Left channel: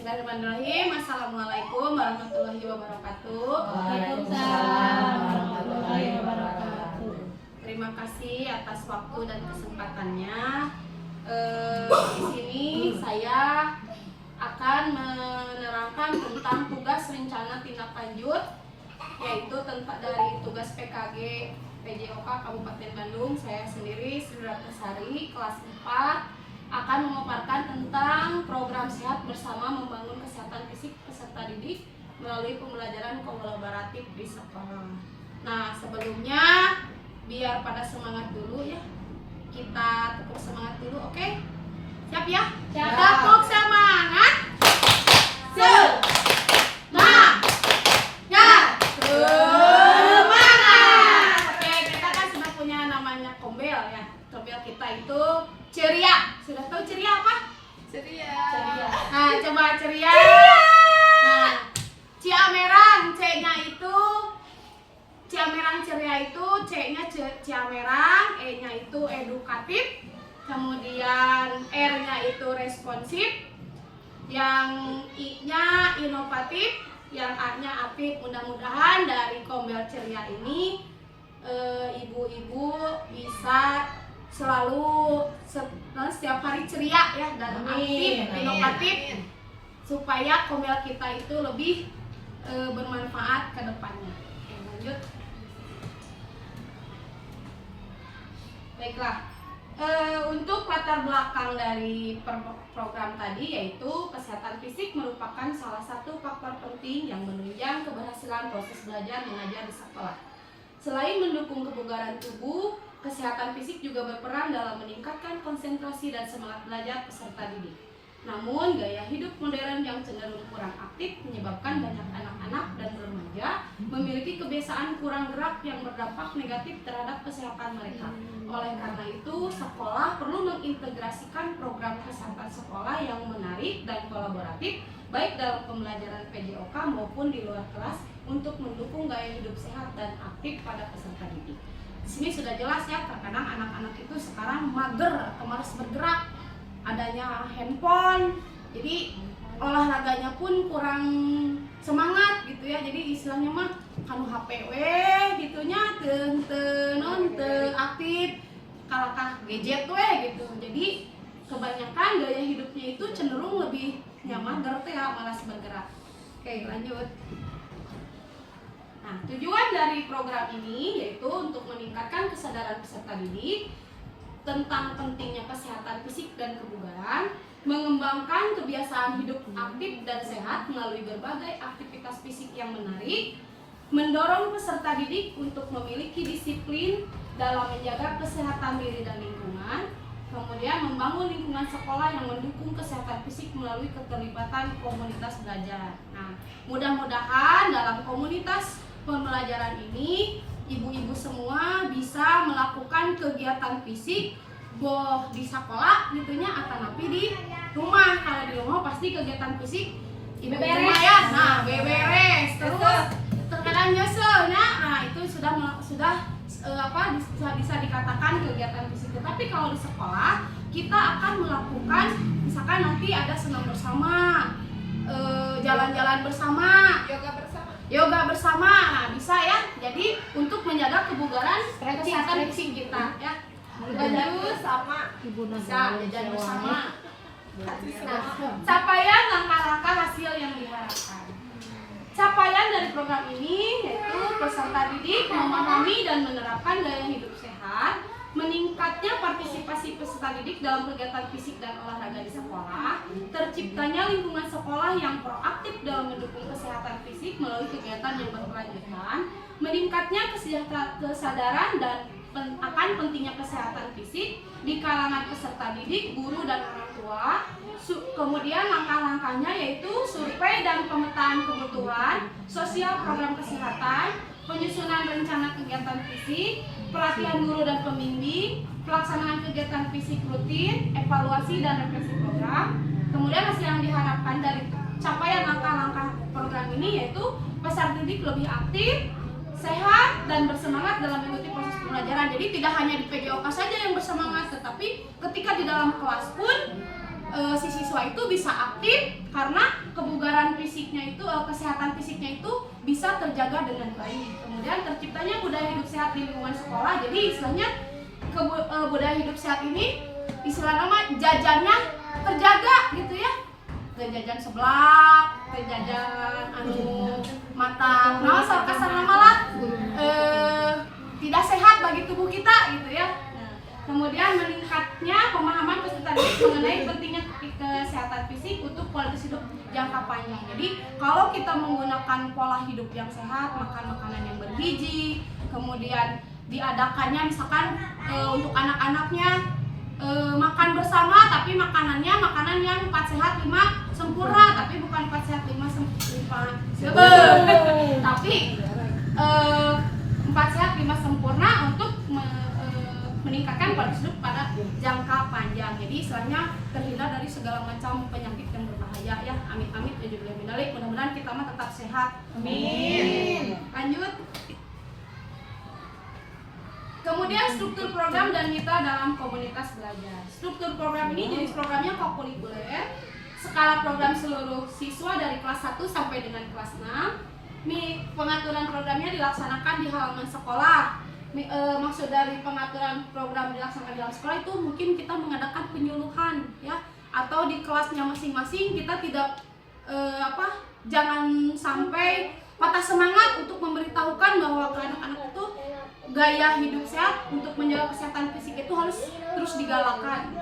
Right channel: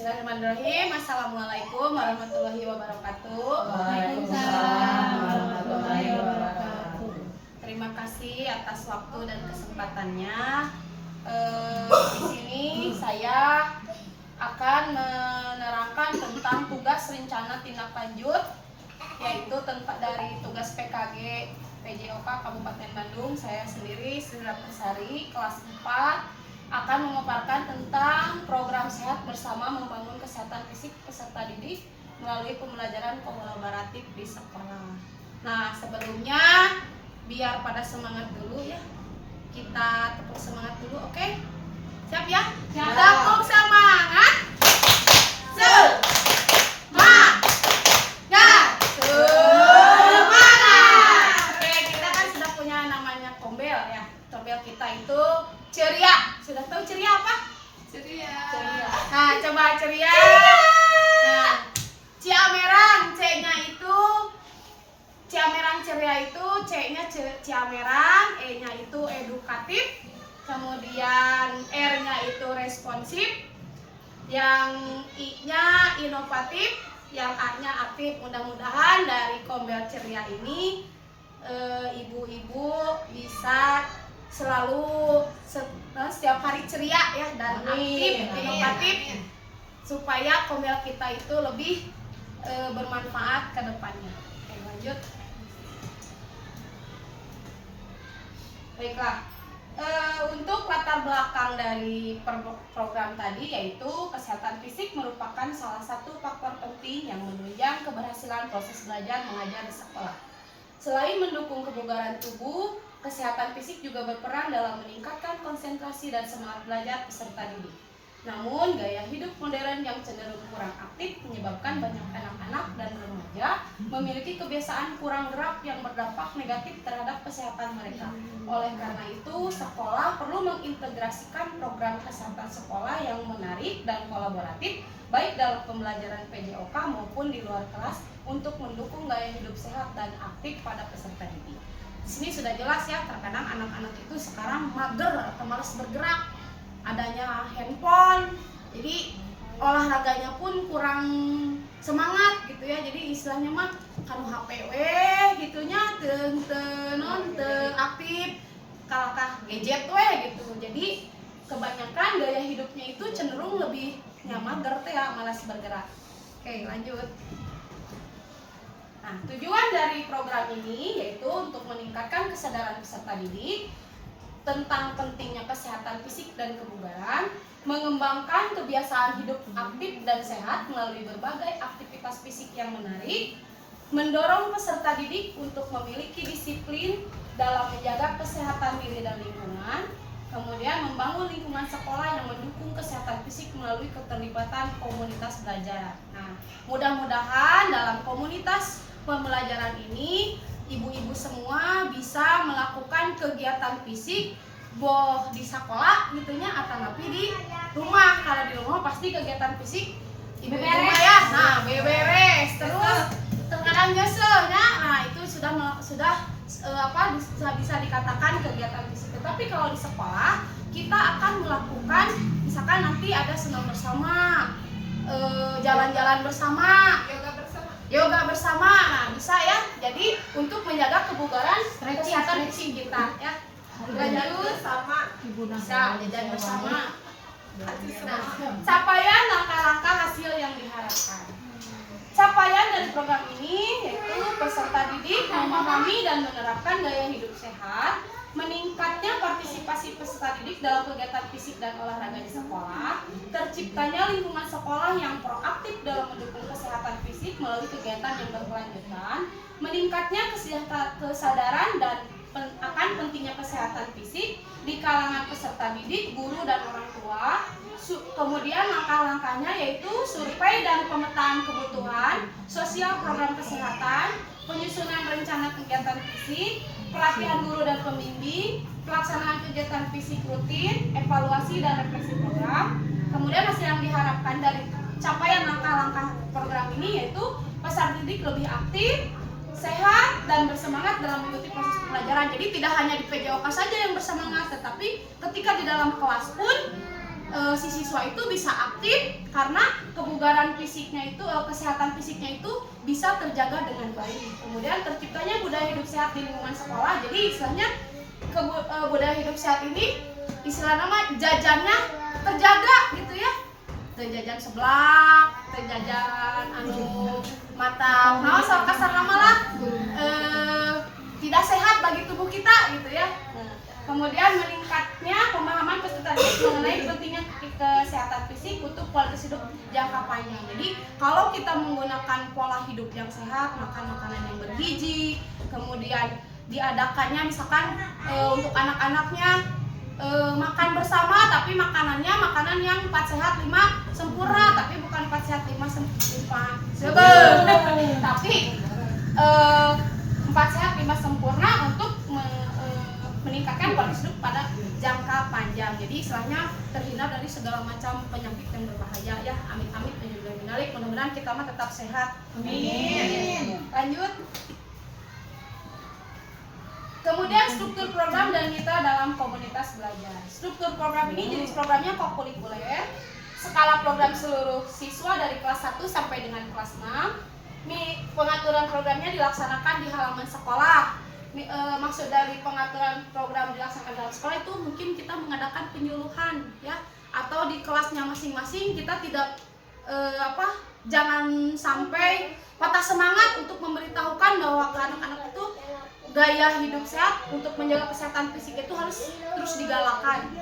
Bismillahirrahmanirrahim. Assalamualaikum warahmatullahi wabarakatuh. Waalaikumsalam warahmatullahi wabarakatuh. Terima kasih atas waktu dan kesempatannya. Di sini saya akan menerangkan tentang tugas rencana tindak lanjut, yaitu dari tugas PKG PJOK Kabupaten Bandung. Saya sendiri Sri Ratnasari, kelas 4, akan memaparkan tentang program sehat bersama membangun kesehatan fisik peserta didik melalui pembelajaran kolaboratif di sekolah. Nah, sebelumnya biar pada semangat dulu ya, kita tepuk semangat dulu, oke? Siap ya? Siap. Tepuk semangat. Semangat. Oke, kita kan sudah punya namanya Kombel ya. Kombel kita itu ceria. Sudah tahu ceria apa? Ceria. Nah, coba ceria. Nah, Ciamerang, C-nya itu Ciamerang ceria itu C-nya Ciamerang, E-nya itu edukatif, kemudian R-nya itu responsif, yang I-nya inovatif, yang A-nya aktif. Mudah-mudahan dari Kombel ceria ini ibu-ibu bisa selalu setiap hari ceria ya dan aktif, inovatif, supaya Kombel kita itu lebih bermanfaat ke depannya. Oke, lanjut. Baiklah, untuk latar belakang dari program tadi, yaitu kesehatan fisik merupakan salah satu faktor penting yang menunjang keberhasilan proses belajar mengajar di sekolah. Selain mendukung kebugaran tubuh, kesehatan fisik juga berperan dalam meningkatkan konsentrasi dan semangat belajar peserta didik. Namun, gaya hidup modern yang cenderung kurang aktif menyebabkan banyak anak-anak dan remaja memiliki kebiasaan kurang gerak yang berdampak negatif terhadap kesehatan mereka. Oleh karena itu, sekolah perlu mengintegrasikan program kesehatan sekolah yang menarik dan kolaboratif, baik dalam pembelajaran PJOK maupun di luar kelas, untuk mendukung gaya hidup sehat dan aktif pada peserta didik. Di sini sudah jelas ya, terkadang anak-anak itu sekarang mager atau malas bergerak, adanya handphone, jadi olahraganya pun kurang semangat gitu ya. Jadi istilahnya mah kanu HPW gitunya teu aktif, kalakah gadget gitu. Jadi kebanyakan gaya hidupnya itu cenderung lebih mager teh ya, malas bergerak. Oke, lanjut. Nah, tujuan dari program ini yaitu untuk meningkatkan kesadaran peserta didik tentang pentingnya kesehatan fisik dan kebugaran, mengembangkan kebiasaan hidup aktif dan sehat melalui berbagai aktivitas fisik yang menarik, mendorong peserta didik untuk memiliki disiplin dalam menjaga kesehatan diri dan lingkungan, kemudian membangun lingkungan sekolah yang mendukung kesehatan fisik melalui keterlibatan komunitas belajar. Nah, mudah-mudahan dalam komunitas pembelajaran ini ibu-ibu semua bisa melakukan kegiatan fisik boh di sekolah gitunya atau napi di rumah. Kalau di rumah pasti kegiatan fisik ibu rumah ya. Nah, beberes terus terkadang nyeselnya. Nah, itu sudah bisa dikatakan kegiatan fisik. Tapi kalau di sekolah kita akan melakukan, misalkan nanti ada senam bersama, jalan-jalan bersama, yoga bersama. Nah, bisa ya. Jadi untuk menjaga kebugaran kesehatan fisik kita ya. Lanjut sama bisa jajan bersama. Nah, capaian langkah-langkah hasil yang diharapkan. Capaian dari program ini yaitu peserta didik memahami dan menerapkan gaya hidup sehat, meningkatnya partisipasi peserta didik dalam kegiatan fisik dan olahraga di sekolah, terciptanya lingkungan sekolah yang proaktif dalam mendukung kesehatan fisik melalui kegiatan yang berkelanjutan, meningkatnya kesadaran dan akan pentingnya kesehatan fisik di kalangan peserta didik, guru dan orang tua. Kemudian langkah-langkahnya yaitu survei dan pemetaan kebutuhan sosial program kesehatan, penyusunan rencana kegiatan fisik, pelatihan guru dan pembimbing, pelaksanaan kegiatan fisik rutin, evaluasi dan refleksi program. Kemudian hasil yang diharapkan dari capaian langkah-langkah program ini yaitu peserta didik lebih aktif, sehat, dan bersemangat dalam mengikuti proses pembelajaran. Jadi tidak hanya di PJOK saja yang bersemangat, tetapi ketika di dalam kelas pun si siswa itu bisa aktif karena kebugaran fisiknya itu, kesehatan fisiknya itu bisa terjaga dengan baik. Kemudian terciptanya budaya hidup sehat di lingkungan sekolah. Jadi istilahnya budaya hidup sehat ini istilah nama jajannya terjaga gitu ya. Jajan seblak, jajan anu matang, nah soal kasar nama lah tidak sehat bagi tubuh kita gitu ya. Kemudian meningkatnya pemahaman peserta didik mengenai pentingnya kesehatan fisik untuk kualitas hidup jangka panjang. Jadi kalau kita menggunakan pola hidup yang sehat, makan makanan yang bergizi, kemudian diadakannya misalkan untuk anak-anaknya makan bersama, tapi makanannya makanan yang 4 sehat 5 sempurna, tapi bukan 4 sehat 5 sempurna, tapi 4 sehat 5 sempurna untuk meningkatkan kualitas hidup pada jangka panjang. Jadi istilahnya terhindar dari segala macam penyakit yang berbahaya ya. Amit-amit dan juga minalik. Mudah-mudahan kita mah tetap sehat. Amin. Lanjut. Kemudian struktur program dan mitra dalam komunitas belajar. Struktur program ini jenis programnya kokurikuler. Skala program seluruh siswa dari kelas 1 sampai dengan kelas 6. Pengaturan programnya dilaksanakan di halaman sekolah. Maksud dari pengaturan program dilaksanakan dalam sekolah itu mungkin kita mengadakan penyuluhan ya, atau di kelasnya masing-masing kita tidak jangan sampai patah semangat untuk memberitahukan bahwa ke anak-anak itu gaya hidup sehat untuk menjaga kesehatan fisik itu harus terus digalakan.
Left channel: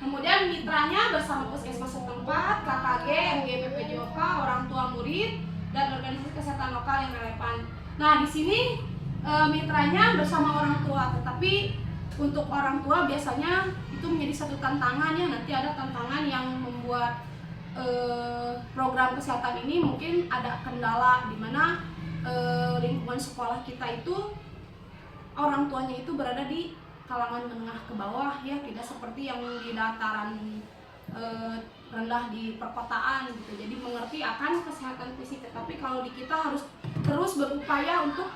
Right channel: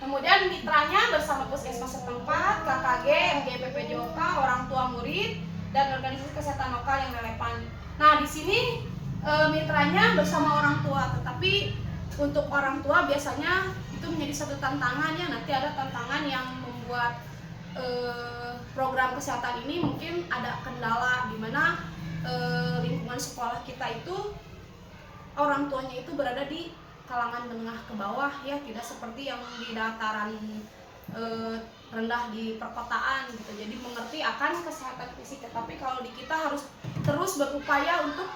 Kemudian mitranya bersama puskesmas setempat, KKG, MGP PJOK, orang tua murid, dan organisasi kesehatan lokal yang relevan. Nah di sini mitranya bersama orang tua, tetapi untuk orang tua biasanya itu menjadi satu tantangan ya. Nanti ada tantangan yang membuat program kesehatan ini mungkin ada kendala di mana lingkungan sekolah kita itu orang tuanya itu berada di kalangan menengah ke bawah ya, tidak seperti yang di dataran rendah di perkotaan gitu. Jadi mengerti akan kesehatan fisik, tetapi kalau di kita harus terus berupaya untuk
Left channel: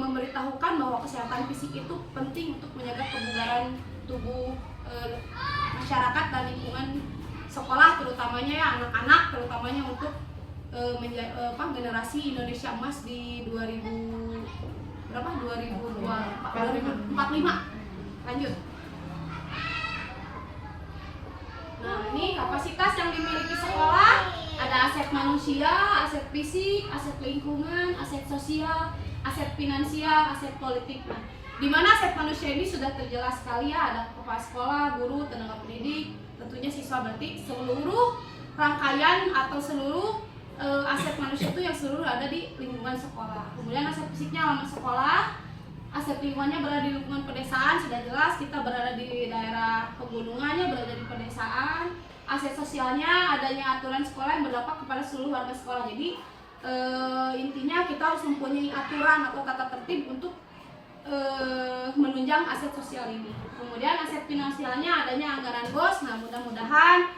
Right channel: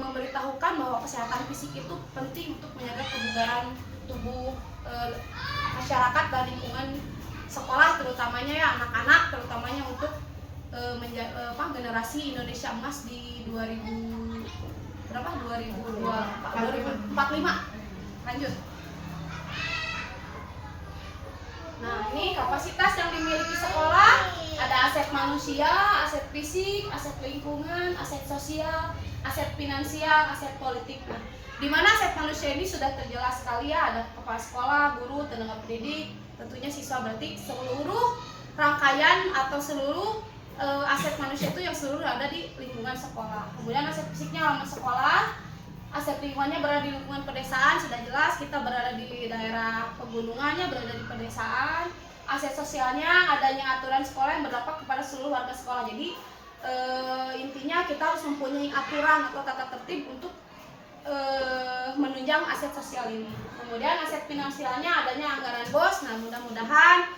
memberitahukan bahwa kesehatan fisik itu penting untuk menjaga kebugaran tubuh masyarakat dan lingkungan sekolah, terutamanya ya anak-anak, terutamanya untuk generasi Indonesia Emas di 2045. Lanjut. Nah, ini kapasitas yang dimiliki sekolah, ada aset manusia, aset fisik, aset lingkungan, aset sosial, aset finansial, aset politik. Nah, di mana aset manusia ini sudah terjelas sekali ya, ada kepala sekolah, guru, tenaga pendidik, tentunya siswa, berarti seluruh rangkaian atau seluruh aset manusia itu yang seluruh ada di lingkungan sekolah. Kemudian aset fisiknya halaman sekolah, aset lingkungannya berada di lingkungan pedesaan, sudah jelas kita berada di daerah pegunungannya, berada di pedesaan. Aset sosialnya adanya aturan sekolah yang berdampak kepada seluruh warga sekolah. Jadi intinya kita harus mempunyai aturan atau tata tertib untuk menunjang aset sosial ini. Kemudian aset finansialnya adanya anggaran BOS. Nah, mudah-mudahan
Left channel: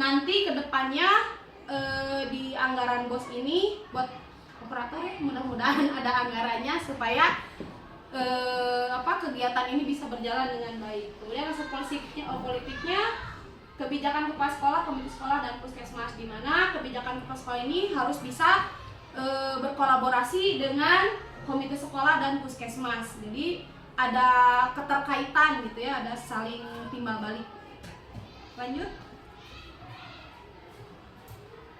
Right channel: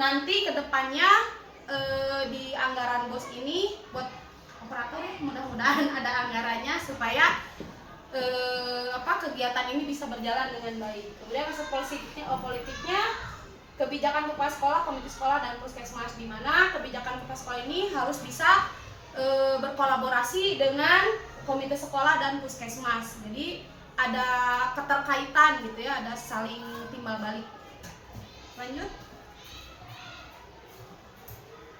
nanti kedepannya di anggaran BOS ini buat operator mudah-mudahan ada anggarannya supaya kegiatan ini bisa berjalan dengan baik. Kemudian aset politiknya kebijakan kepala sekolah, komite sekolah, dan puskesmas, di mana kebijakan kepala sekolah ini harus bisa berkolaborasi dengan komite sekolah dan puskesmas. Jadi ada keterkaitan gitu ya, ada saling timbal balik. Lanjut.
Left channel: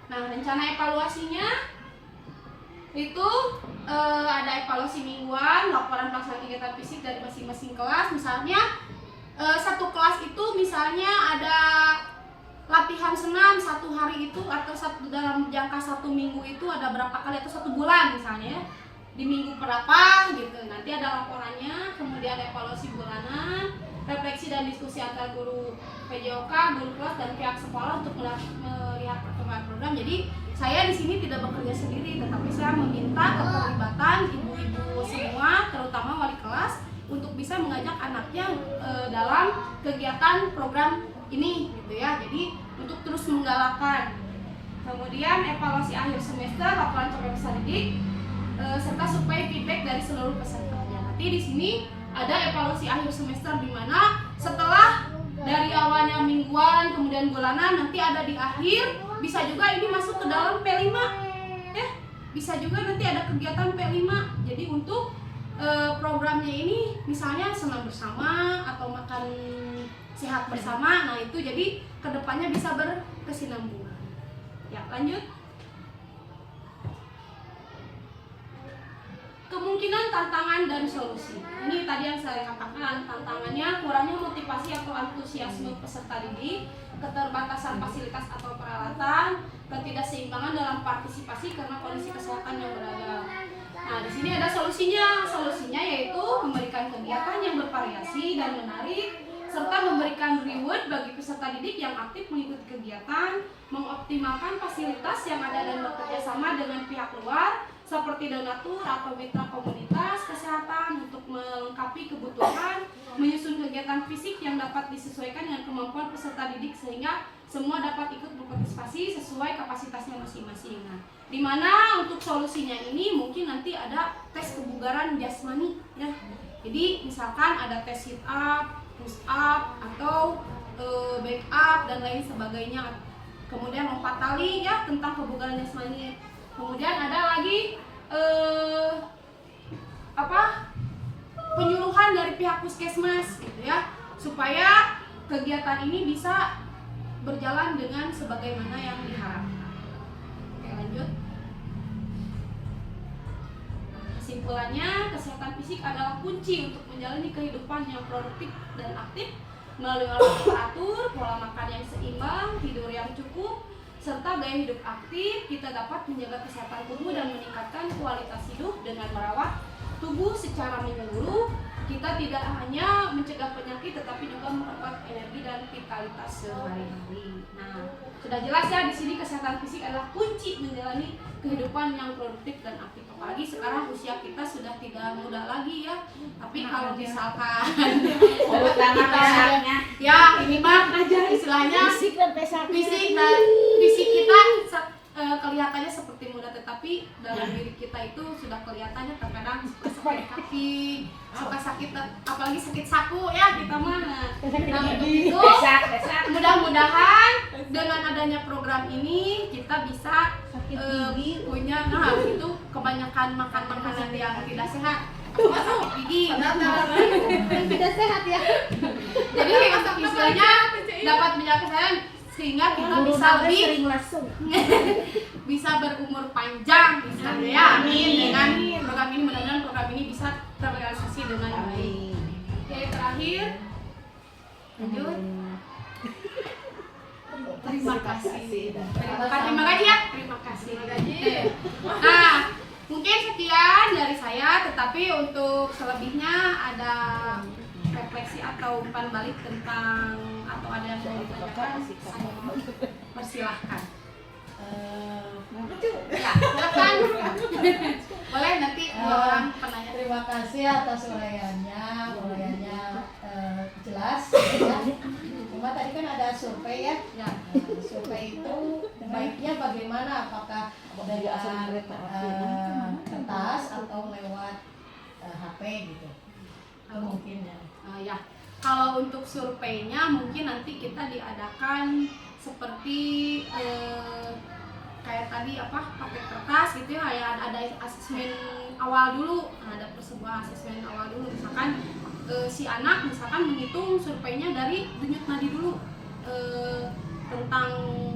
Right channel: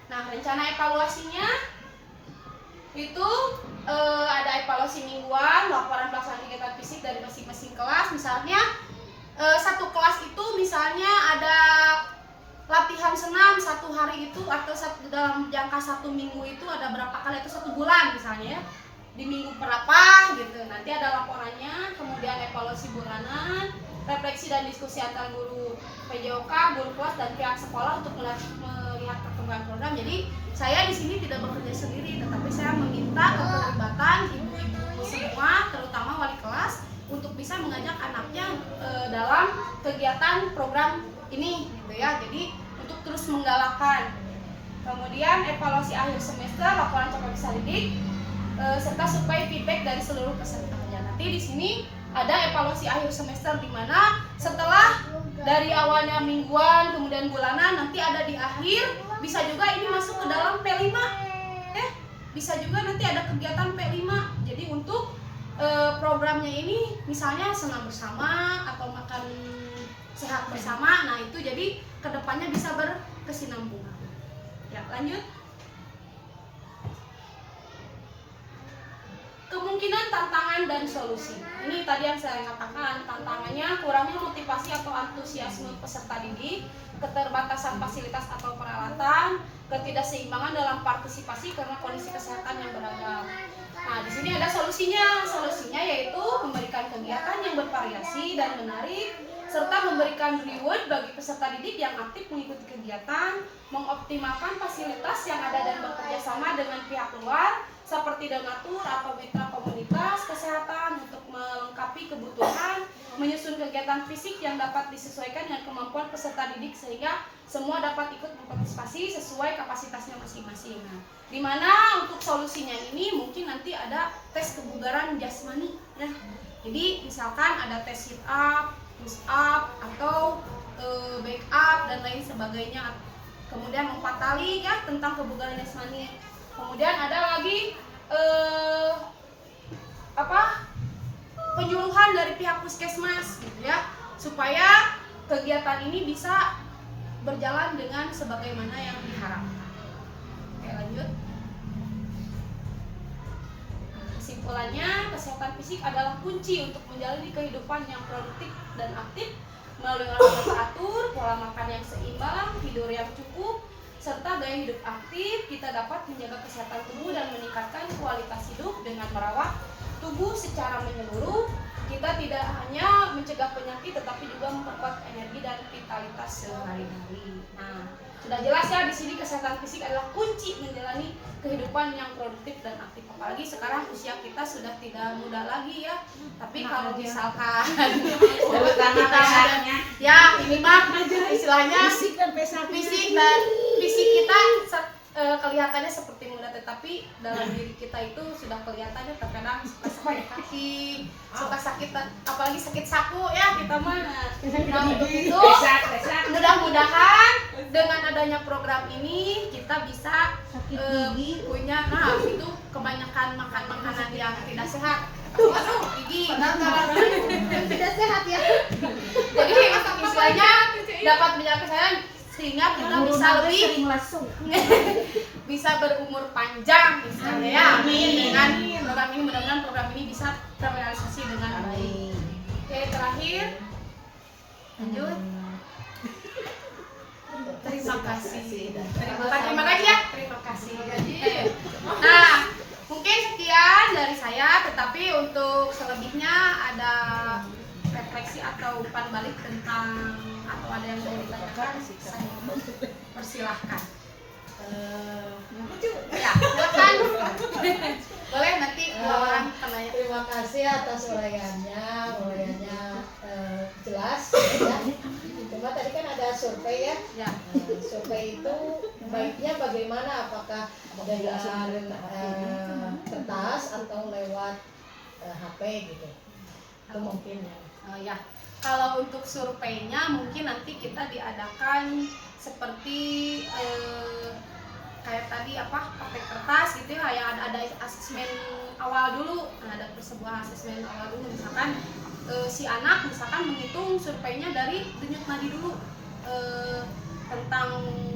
Nah, rencana evaluasinya itu ada evaluasi mingguan, laporan pelaksanaan kegiatan fisik dari masing-masing kelas. Misalnya satu kelas itu misalnya ada latihan senam satu hari itu, atau dalam jangka 1 minggu itu ada berapa kali, atau 1 bulan misalnya di minggu berapa gitu. Nanti ada laporannya. Kemudian evaluasi bulanan, refleksi dan diskusi antar guru PJOK, guru kelas, dan pihak sekolah untuk melihat perkembangan program. Jadi saya di sini tidak bekerja sendiri, tetapi saya meminta keterlibatan ibu-ibu semua, terutama wali kelas, untuk bisa mengajak anaknya dalam kegiatan program ini gitu ya. Jadi untuk terus menggalakkan. Kemudian evaluasi akhir semester, laporan capaian peserta didik, serta survei feedback dari seluruh peserta. Ya, nanti di sini ada evaluasi akhir semester, di mana setelah dari awalnya mingguan, kemudian bulanan, nanti ada di akhir, bisa juga ini masuk ke dalam P5 ya, bisa juga nanti ada kegiatan P5. Jadi untuk programnya ini misalnya senam bersama atau makan sehat bersama, nah itu jadi kedepannya bisa berkesinambungan ya. Lanjut, kemungkinan tantangan dan solusi. Ini tadi yang saya katakan, tantangannya kurangnya motivasi atau antusiasme peserta didik, keterbatasan fasilitas atau peralatan, ketidakseimbangan dalam partisipasi karena kondisi kesehatan yang beragam. Nah, di sini ada solusinya. Solusinya yaitu memberikan kegiatan yang bervariasi dan menarik, serta memberikan reward bagi peserta didik yang aktif mengikuti kegiatan, mengoptimalkan fasilitas yang ada dan bekerja sama dengan pihak luar seperti donatur atau mitra komunitas kesehatan untuk melengkapi kebutuhan, menyusun kegiatan fisik yang dapat disesuaikan dengan kemampuan peserta didik sehingga semua dapat ikut berpartisipasi sesuai kapasitasnya masing-masing. Nah, di mana untuk solusinya ini mungkin nanti ada tes kebugaran jasmani ya. Jadi misalkan ada tes sit up, push up atau back up dan lain sebagainya. Kemudian lompat tali ya tentang kebugaran jasmani. Kemudian ada lagi penyuluhan dari pihak puskesmas gitu ya, supaya kegiatan ini bisa berjalan dengan sebagaimana yang diharapkan. Oke, lanjut. Kesimpulannya, kesehatan fisik adalah kunci untuk menjalani kehidupan yang produktif dan aktif melalui olahraga teratur, pola makan yang seimbang, tidur yang cukup, serta gaya hidup aktif. Kita dapat menjaga kesehatan tubuh dan meningkatkan kualitas hidup dengan merawat tubuh secara menyeluruh. Kita tidak hanya mencegah penyakit tetapi juga memperkuat energi dan vitalitas sehari-hari. Nah, sudah jelas ya di sini kesehatan fisik adalah kunci menjalani kehidupan yang produktif dan aktif. Apalagi sekarang usia kita sudah tidak muda lagi ya. Tapi kalau misalkan kita ya ini mah istilahnya fisik kita kelihatannya seperti muda, tetapi dalam diri kita itu sudah kelihatannya terkadang suka sakit kaki, suka sakit, apalagi sakit saku ya kita mah. Nah, untuk itu mudah-mudahan dengan adanya program ini kita bisa punya itu kebanyakan makan makanan yang tidak sehat, masuk gigi tidak sehat ya. Jadi istilahnya dapat menjaga kesehatan sehingga kita bisa lebih bisa berumur panjang misalnya ya. Amin. Dengan program ini, mudah-mudahan program ini bisa terrealisasi dengan baik. Oke, terakhir lanjut. Terima kasih. Terima kasih ya. Terima kasih. Nah, mungkin sekian dari saya, tetapi untuk selebihnya ada refleksi atau umpan balik tentang atau ada yang mau ditanyakan, saya persilahkan. Ya, silakan. Boleh nanti orang penanya. Terima kasih atas uraiannya jelas. Ya. Cuma tadi kan ada survei ya. Ya. Survei itu baiknya bagaimana? Apakah dengan kertas atau lewat HP gitu? Itu mungkin ya. Ya. Kalau untuk surveinya mungkin nanti kita diadakan seperti kayak tadi pakai kertas gitu ya, ada asesmen awal dulu. Nah, ada sebuah asesmen awal dulu, misalkan si anak misalkan menghitung surveinya dari denyut nadi dulu, tentang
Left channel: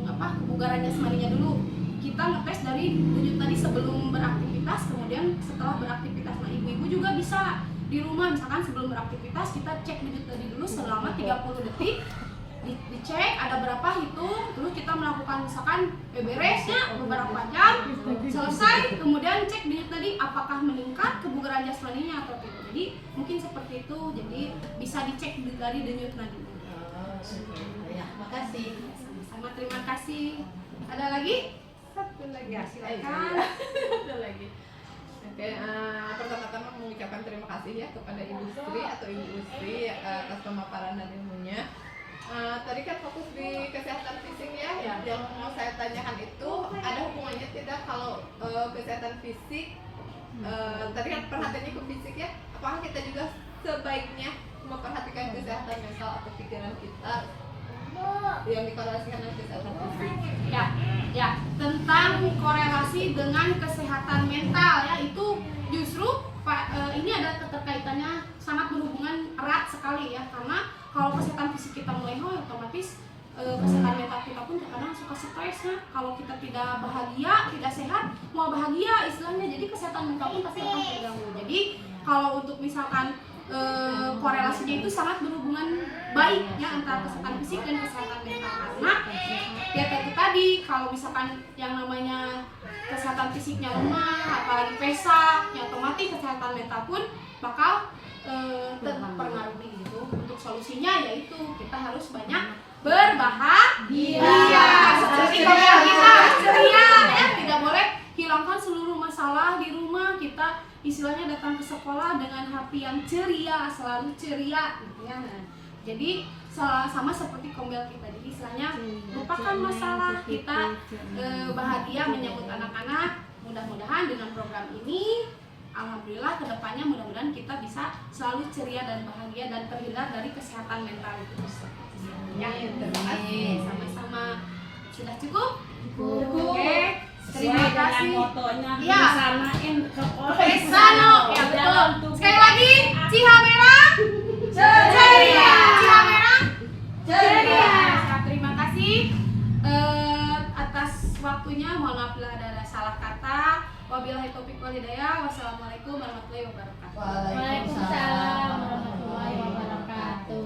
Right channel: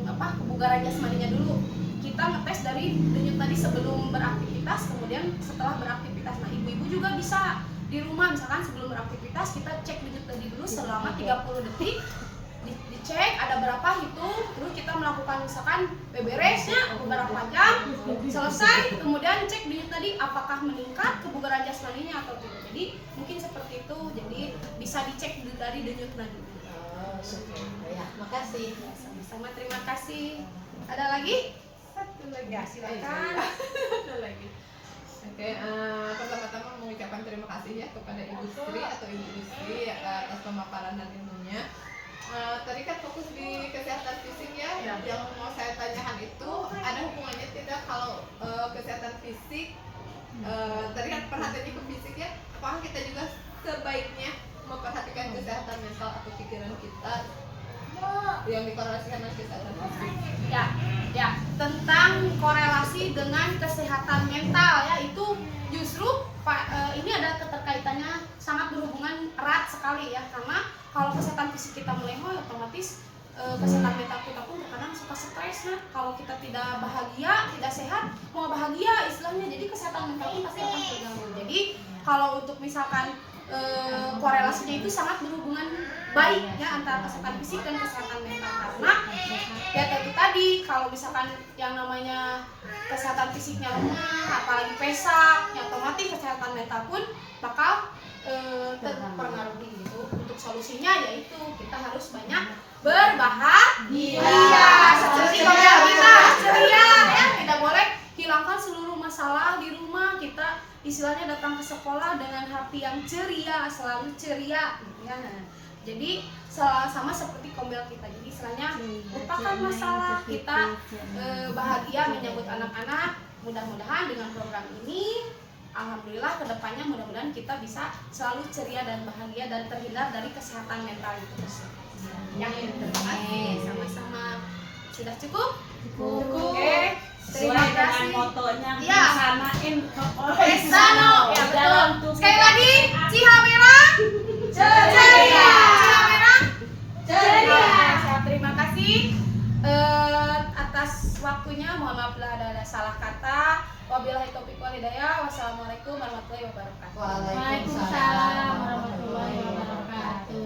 kebugaran jasmaninya dulu. Kita ngetes dari denyut nadi sebelum beraktivitas, kemudian setelah beraktivitas. Nah, ibu-ibu juga bisa di rumah misalkan sebelum beraktivitas kita cek denyut nadi dulu selama 30 detik, dicek ada berapa, hitung, terus kita melakukan misalkan beberesnya beberapa jam, selesai, kemudian cek denyut nadi apakah meningkat kebugaran jasmaninya atau tidak. Jadi mungkin seperti itu, jadi bisa dicek dari denyut nadi. Ya, makasih. Sama-sama, terima kasih. Ada lagi? Satu lagi. Ya, silakan. Ada lagi. Oke, pertama-tama mengucapkan terima kasih ya kepada industri atau ibu industri atas pemaparan dan ilmunya. Tadi kan fokus di kesehatan fisik ya. Yang mau saya tanyakan itu ada hubungannya tidak kalau kesehatan fisik tadi kan perhatiannya ke fisik ya, apakah kita juga sebaiknya memperhatikan kesehatan mental atau pikiran kita yang dikorelasikan dengan kesehatan fisik. Ya, tentang korelasi dengan kesehatan mental ya, itu justru ini ada keterkaitannya, sangat berhubungan erat sekali ya, karena kalau kesehatan fisik kita melehoy, otomatis kesehatan mental kita pun terkadang suka stres ya. Kalau kita tidak bahagia, tidak sehat, mau bahagia istilahnya, jadi kesehatan mental pun pasti akan terganggu. Jadi kalau untuk misalkan korelasinya itu sangat berhubungan baik ya antara kesehatan fisik dan kesehatan mental, karena ya itu tadi, kalau misalkan yang namanya kesehatan fisiknya lemah, apalagi pesak, ya otomatis kesehatan mental pun bakal terpengaruhi gitu. Untuk solusinya yaitu kita harus banyak berbahagia, seperti yang kita ceria ya, tidak boleh hilangkan seluruh masalah di rumah. Kita istilahnya datang ke sekolah dengan hati yang ceria, selalu ceria gitu ya. Jadi sama seperti kombel kita, jadi istilahnya lupakan masalah, kita bahagia menyambut anak-anak. Mudah-mudahan dengan program ini, alhamdulillah kedepannya mudah-mudahan kita bisa selalu ceria dan bahagia dan terhindar dari kesehatan mental itu. Ya, terima kasih. Sama-sama. Sudah cukup? Oke. Terima kasih. Motonya Ya. disanain ke Pesano. Ya betul. Sekali lagi, Cihamerang ceria. Cihamerang ceria. Terima kasih atas waktunya. Mohon maaf bila ada salah kata. Wabillahi taufiq wal hidayah. Wassalamualaikum warahmatullahi wabarakatuh. Waalaikumsalam warahmatullahi wabarakatuh.